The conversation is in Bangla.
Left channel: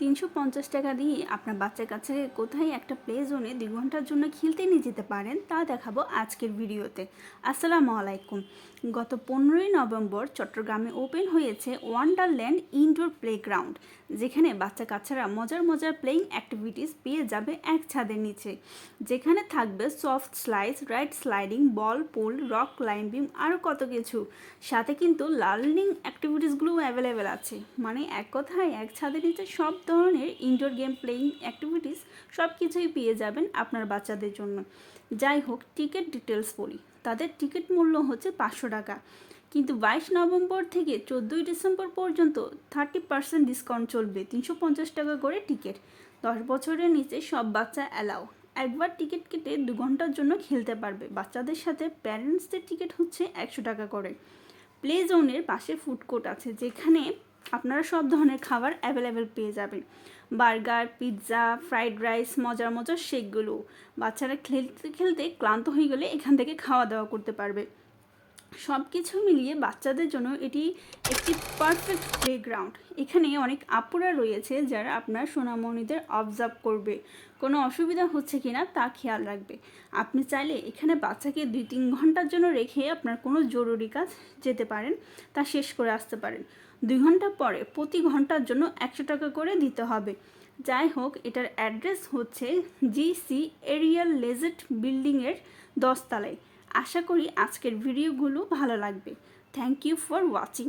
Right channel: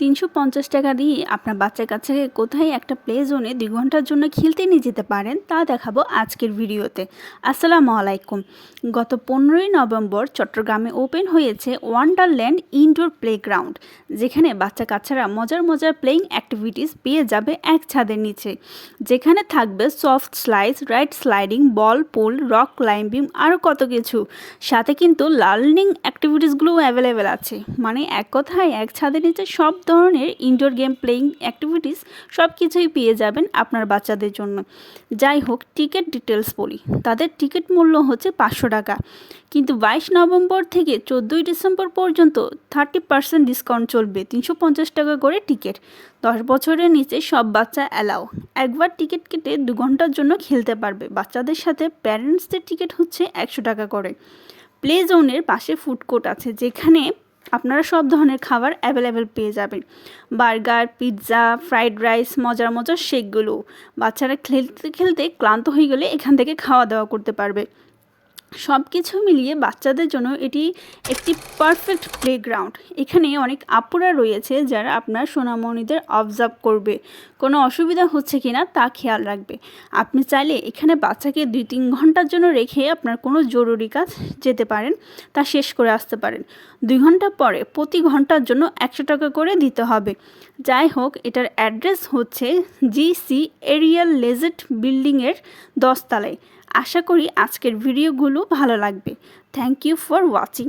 তিনশো পঞ্চাশ টাকা দিয়ে আপনার বাচ্চার কাছে কোথায় একটা প্লে জোনে দুই ঘণ্টার জন্য খেলতে নিয়ে যেতে পারেন, তা দেখাবো আজকের ভিডিওতে। আসসালামু আলাইকুম। গত পনেরোই নভেম্বর চট্টগ্রামে ওপেন হয়েছে ওয়ান্ডারল্যান্ড ইনডোর প্লেগ্রাউন্ড যেখানে বাচ্চা কাচ্চারা মজার মজার প্লেইং অ্যাক্টিভিটিস পেয়ে যাবে এক ছাদের নিচে। যেখানে থাকবে soft slice ride sliding ball pool rock climbing আরও কত কিছু। সাথে কিন্তু লার্নিং অ্যাক্টিভিটিসগুলোও অ্যাভেলেবেল আছে। মানে এক কথায় এক ছাদের নিচে সব ধরনের ইনডোর গেম প্লেইং অ্যাক্টিভিটিস সব কিছুই পেয়ে যাবেন আপনার বাচ্চাদের জন্য। যাই হোক টিকিট ডিটেলস বলি। তাদের টিকিট মূল্য হচ্ছে পাঁচশো টাকা। কিন্তু বাইশ নভেম্বর থেকে চোদ্দোই ডিসেম্বর পর্যন্ত থার্টি পার্সেন্ট ডিসকাউন্ট চলবে, তিনশো পঞ্চাশ টাকা করে টিকিট দশ বছরের নিচে সব বাচ্চা অ্যালাও একবার টিকিট কেটে দু ঘণ্টার জন্য খেলতে পারবে। বাচ্চাদের সাথে প্যারেন্টসদের টিকিট হচ্ছে একশো টাকা করে। প্লে জোনের পাশে ফুড কোর্ট আছে, যেখানে আপনারা সব ধরনের খাবার অ্যাভেলেবেল পেয়ে যাবেন। বার্গার, পিৎজা, ফ্রাইড রাইস, মজার মজার শেকগুলো। বাচ্চারা খেলতে খেলতে ক্লান্ত হয়ে গেলে এখান থেকে খাওয়া দাওয়া করতে পারবে। সব কিছু মিলিয়ে বাচ্চাদের জন্য এটি একটি পারফেক্ট প্লেগ্রাউন্ড এখানে অনেক আপুরা রয়েছে যারা আপনার সোনামণিদের অবজার্ভ করবে। কোনো অসুবিধা হচ্ছে কি না তা খেয়াল রাখবে। আপনি চাইলে এখানে বাচ্চাকে দুই তিন ঘণ্টার জন্য রেখে আপনার কোনো জরুরি কাজ যেতে পারেন, তা শেষ করে আসতে পারেন। দুই ঘণ্টা পরে প্রতি ঘণ্টার জন্য একশো টাকা করে দিতে হবে। যাই হোক, এটার অ্যাড্রেস হচ্ছে জিসি এরিয়াল লেজেট বিল্ডিংয়ের দশতলায়। আশা করি আজকের ভিডিওগুলো ভালো লাগবে। Thank you for watching